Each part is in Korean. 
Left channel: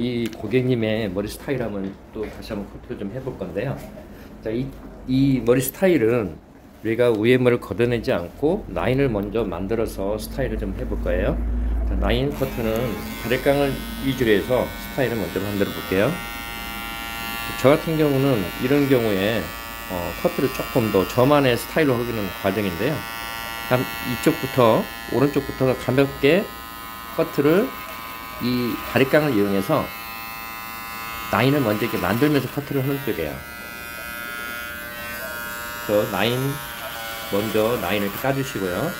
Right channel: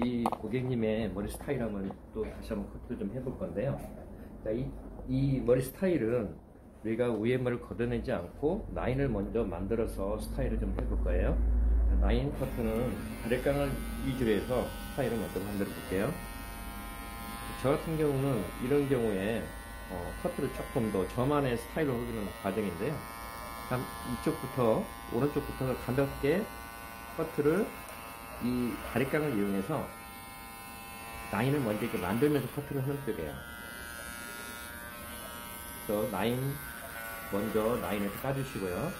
이 고객님의 머리 스타일 한번 또 다시 한번 커트를 좀 해볼 건데요. 자, 이 머리 스타일은 우리가 위에 머리를 걷어내지 않고 라인을 먼저 만들어서 스타일을 좀 해볼 거예요. 자, 라인 커트는 가래깡을 위주로 해서 스타일을 먼저 만들어 볼게요. 저 같은 경우는 이런 경우에 커트를 조금 더 저만의 스타일로 하기는 과정인데요. 한 이쪽부터 오른쪽부터 가볍게 커트를 이 가래깡을 이용해서 라인을 먼저 이렇게 만들면서 커트를 하는 쪽이에요. 그래서 먼저 라인을 이렇게 까주시고요.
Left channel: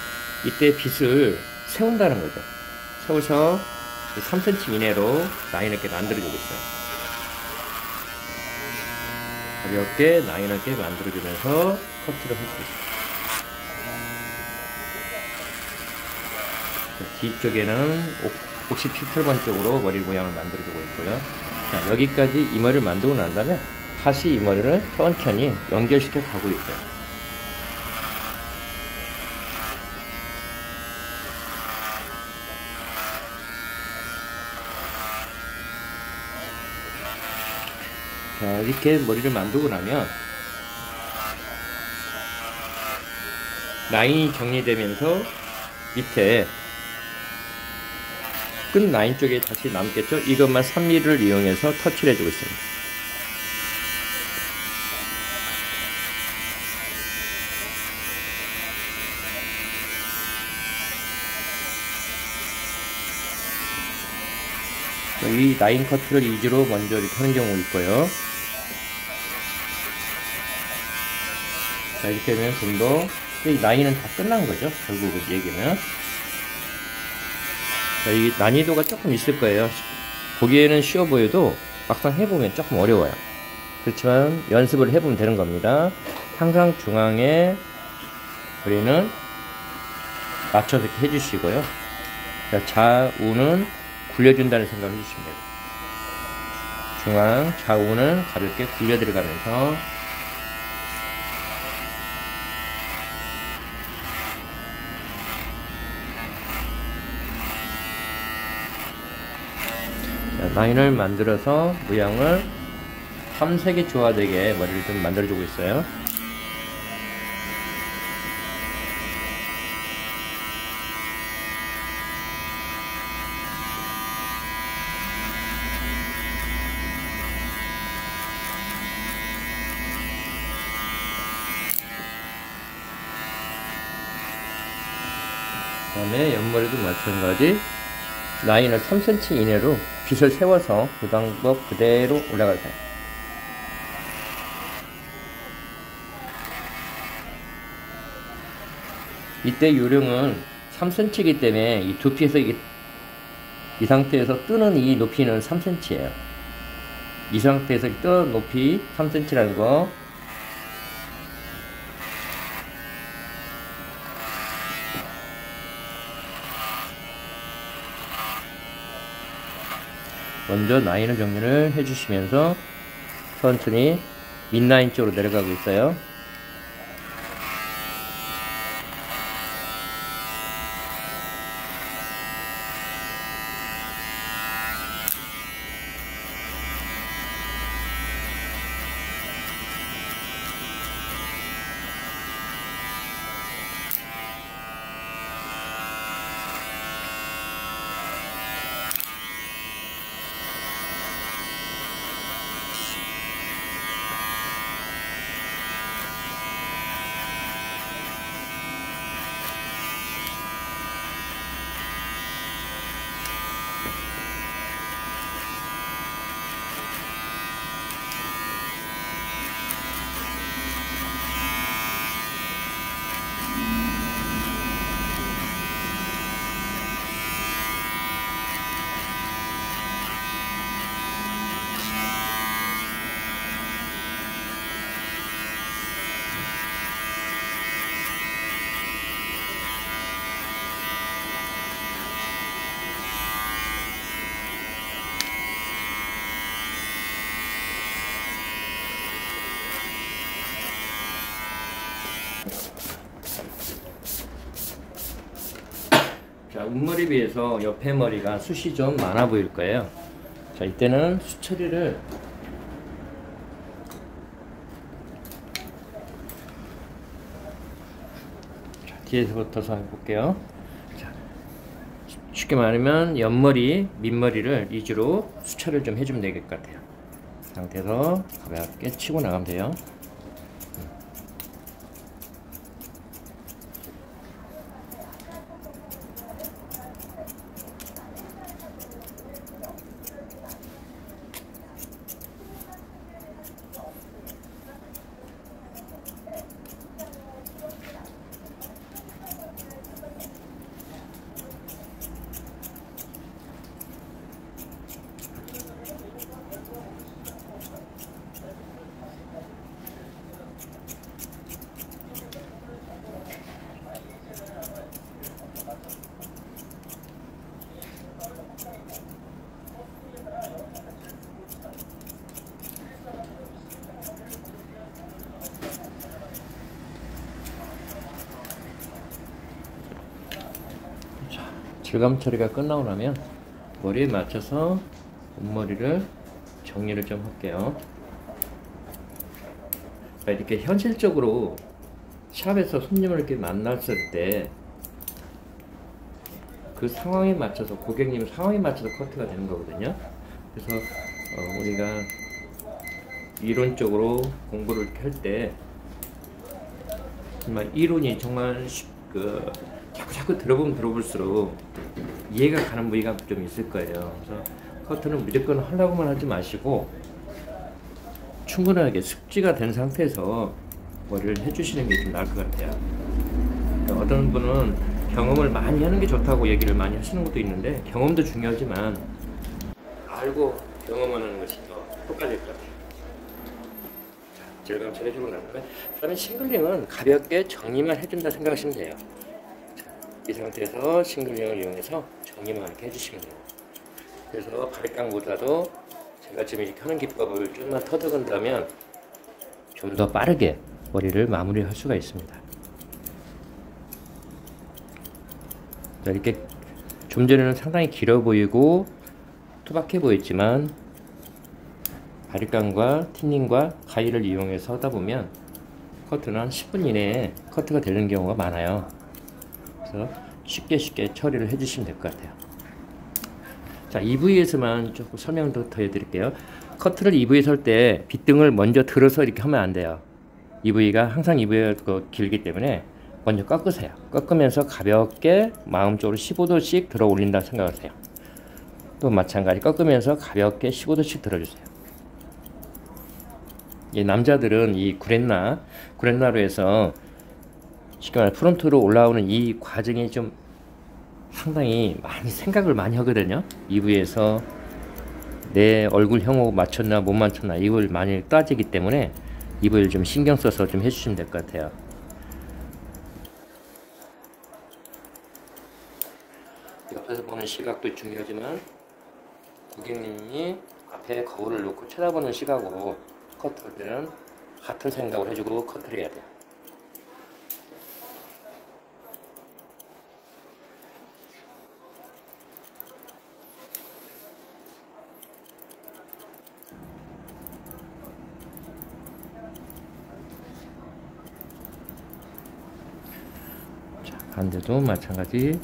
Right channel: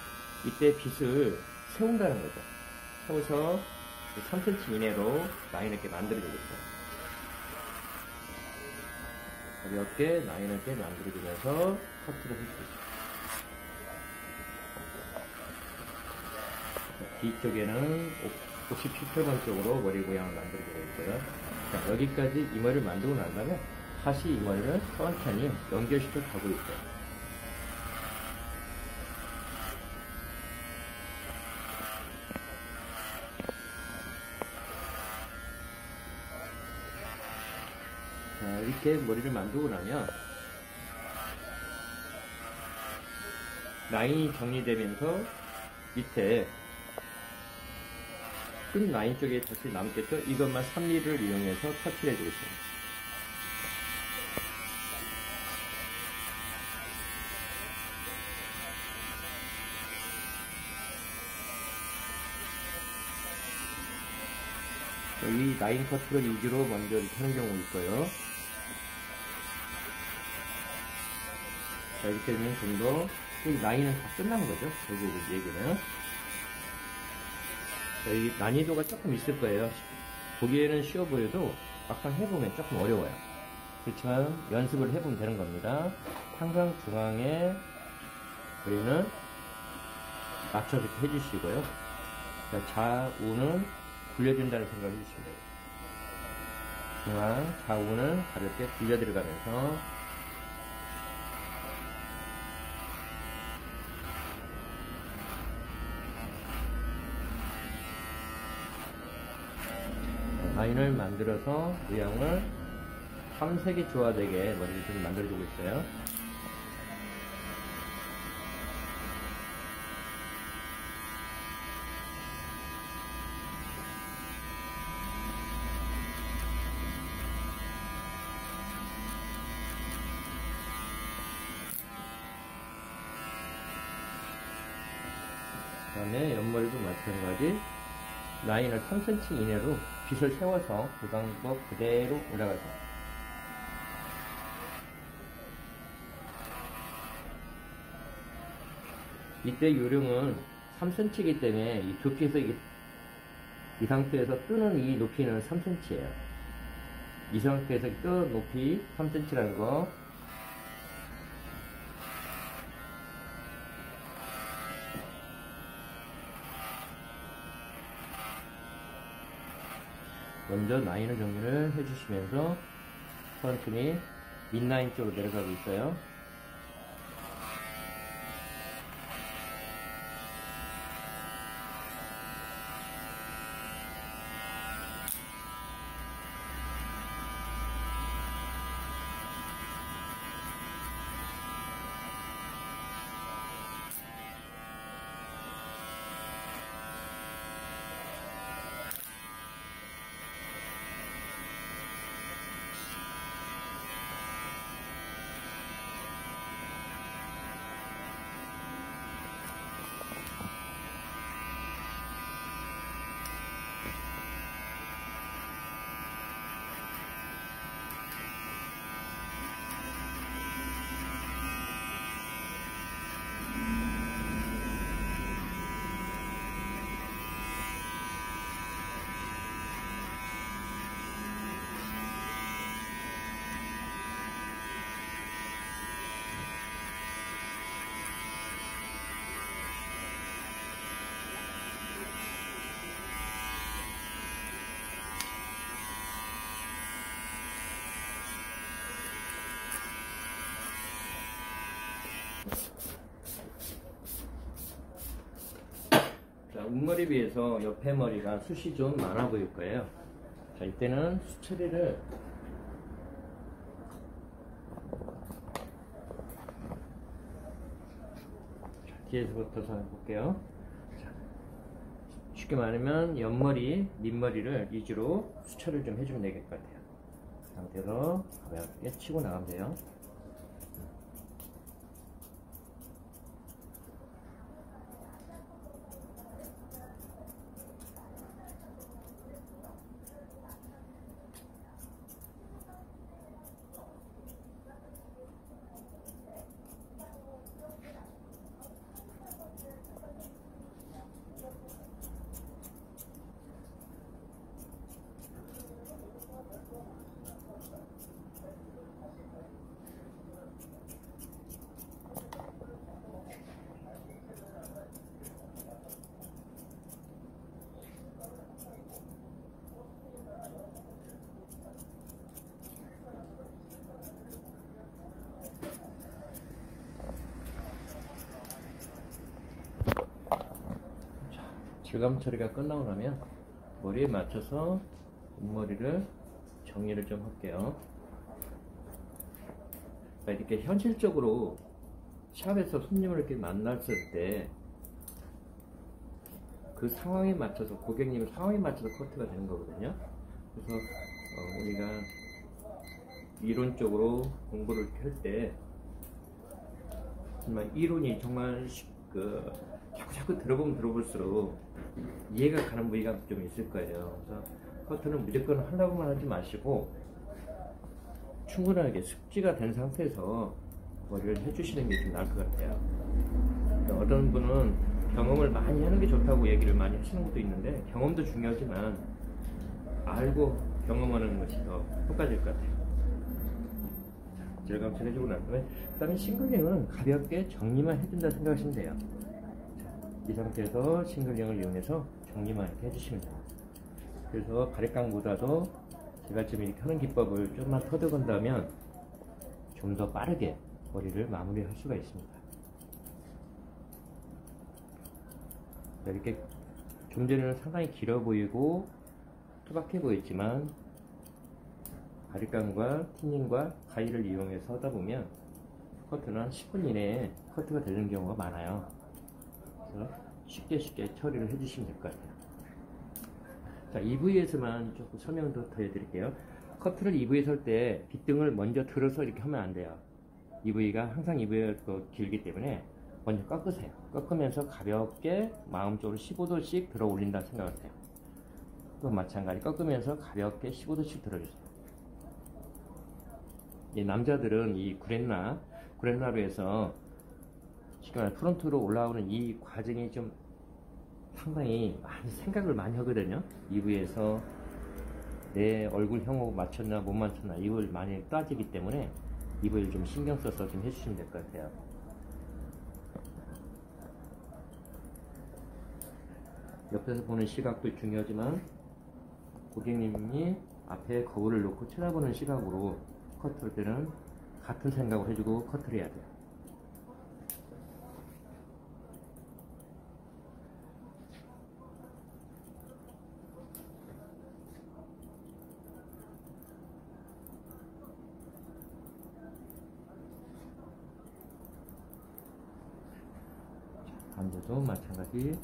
이때 빗을 세운다는 거죠. 세우셔 3cm 이내로 라인을 이렇게 만들어주고 있어요. 가볍게 라인을 이렇게 만들어주면서 커트를 해주고 있어요. 뒤쪽에는 57번 쪽으로 머리 모양을 만들어주고 있고요. 자, 여기까지 이 머리를 만들고 난 다음에 다시 이 머리를 천천히 연결시켜 가고 있어요. 자, 이렇게 머리를 만들고 나면 라인이 정리되면서 밑에 끝 라인 쪽에 다시 남겠죠? 이것만 3mm를 이용해서 터치를 해주고 있습니다. 이 라인 커트를 위주로 먼저 이렇게 하는 경우가 있고요. 자, 이렇게 하면 좀 더 이 라인은 다 끝난 거죠. 결국 얘기는. 자, 이 난이도가 조금 있을 거예요. 보기에는 쉬워 보여도 막상 해보면 조금 어려워요. 그렇지만 연습을 해보면 되는 겁니다. 항상 중앙에 우리는 맞춰서 이렇게 해주시고요. 자, 좌우는 굴려준다는 생각을 해주시면 돼요. 중앙, 좌우는 가볍게 굴려 들어가면서 라인을 만들어서 모양을 삼색이 조화되게 머리를 좀 만들어주고 있어요. 그 다음에 옆머리도 마찬가지 라인을 3cm 이내로 빗을 세워서 그 방법 그대로 올라갈 거예요. 이때 요령은 3cm이기 때문에 이 두피에서 이 상태에서 뜨는 이 높이는 3cm예요. 이 상태에서 뜨는 높이 3cm라는 거 먼저 라인을 정리를 해주시면서 천천히 밑라인 쪽으로 내려가고 있어요. 자, 윗머리 비해서 옆에 머리가 숱이 좀 많아 보일 거예요. 자, 이때는 수처리를 뒤에서부터 해볼게요. 자, 쉽게 말하면 옆머리, 밑머리를 위주로 수처를 좀 해주면 될 것 같아요. 그 상태에서 가볍게 치고 나가면 돼요. 질감 처리가 끝나고 나면 머리에 맞춰서 앞머리를 정리를 좀 할게요. 이렇게 현실적으로 샵에서 손님을 이렇게 만났을 때 그 상황에 맞춰서, 고객님 상황에 맞춰서 커트가 되는 거거든요. 그래서 우리가 이론적으로 공부를 할 때 정말 이론이 정말 자꾸 들어보면 들어볼수록 이해가 가는 부위가 좀 있을 거예요. 그래서 커트는 무조건 하려고만 하지 마시고 충분하게 숙지가 된 상태에서 머리를 해주시는 게 좀 나을 것 같아요. 그러니까 어떤 분은 경험을 많이 하는 게 좋다고 얘기를 많이 하시는 것도 있는데, 경험도 중요하지만 알고 경험하는 것이 더 효과적일 것 같아요. 자, 질감 처리해주고 나면 그다음에 싱글링은 가볍게 정리만 해준다 생각하시면 돼요. 이 상태에서 싱글링을 이용해서 정리만 이렇게 해주시면 돼요. 그래서 바리깡보다도 제가 지금 이렇게 하는 기법을 좀만 터득한다면 좀 더 빠르게 머리를 마무리할 수가 있습니다. 자, 이렇게 좀 전에는 상당히 길어 보이고 투박해 보였지만 바리깡과 틴닝과 가위를 이용해서 하다 보면 커트는 한 10분 이내에 커트가 되는 경우가 많아요. 그래서 쉽게 처리를 해주시면 될 것 같아요. 자, 이 부위에서만 조금 설명을 더 해드릴게요. 커트를 이 부위에서 할 때 빗등을 먼저 들어서 이렇게 하면 안 돼요. 이 부위가 항상 이 부위가 길기 때문에 먼저 꺾으세요. 꺾으면서 가볍게 마음쪽으로 15도씩 들어 올린다 생각하세요. 또 마찬가지 꺾으면서 가볍게 15도씩 들어주세요. 이 남자들은 이 구렛나루에서 쉽게 말해 프론트로 올라오는 이 과정이 좀 상당히 많이 생각을 많이 하거든요. 이 부위에서 내 얼굴형하고 맞췄나 못 맞췄나 이걸 많이 따지기 때문에 이 부위를 좀 신경 써서 좀 해주시면 될 것 같아요. 옆에서 보는 시각도 중요하지만 고객님이 앞에 거울을 놓고 쳐다보는 시각으로 커트할 때는 같은 생각을 해주고 커트를 해야 돼요. 자, 반대도 마찬가지.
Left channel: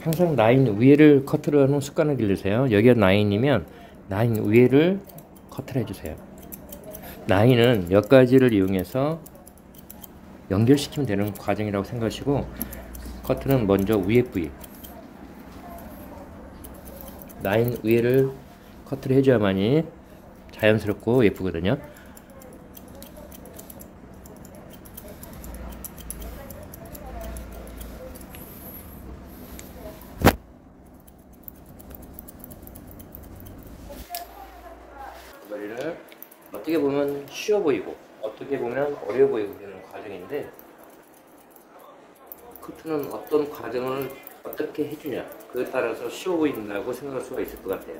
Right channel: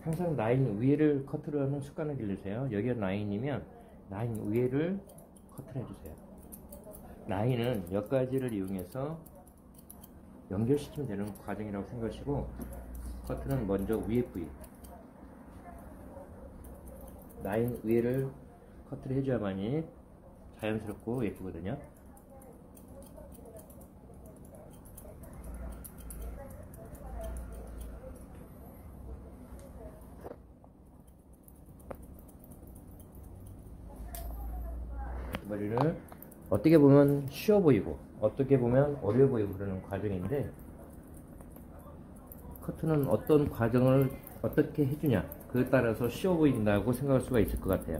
항상 라인 위에를 커트를 하는 습관을 기르세요. 여기가 라인이면 라인 위에를 커트를 해주세요. 라인은 몇 가지를 이용해서 연결시키면 되는 과정이라고 생각하시고, 커트는 먼저 위에 부위, 라인 위에를 커트를 해줘야만이 자연스럽고 예쁘거든요. 머리를 어떻게 보면 쉬워 보이고 어떻게 보면 어려워 보이고 그러는 과정인데, 커트는 어떤 과정을 어떻게 해주냐 그에 따라서 쉬워 보인다고 생각할 수가 있을 것 같아요.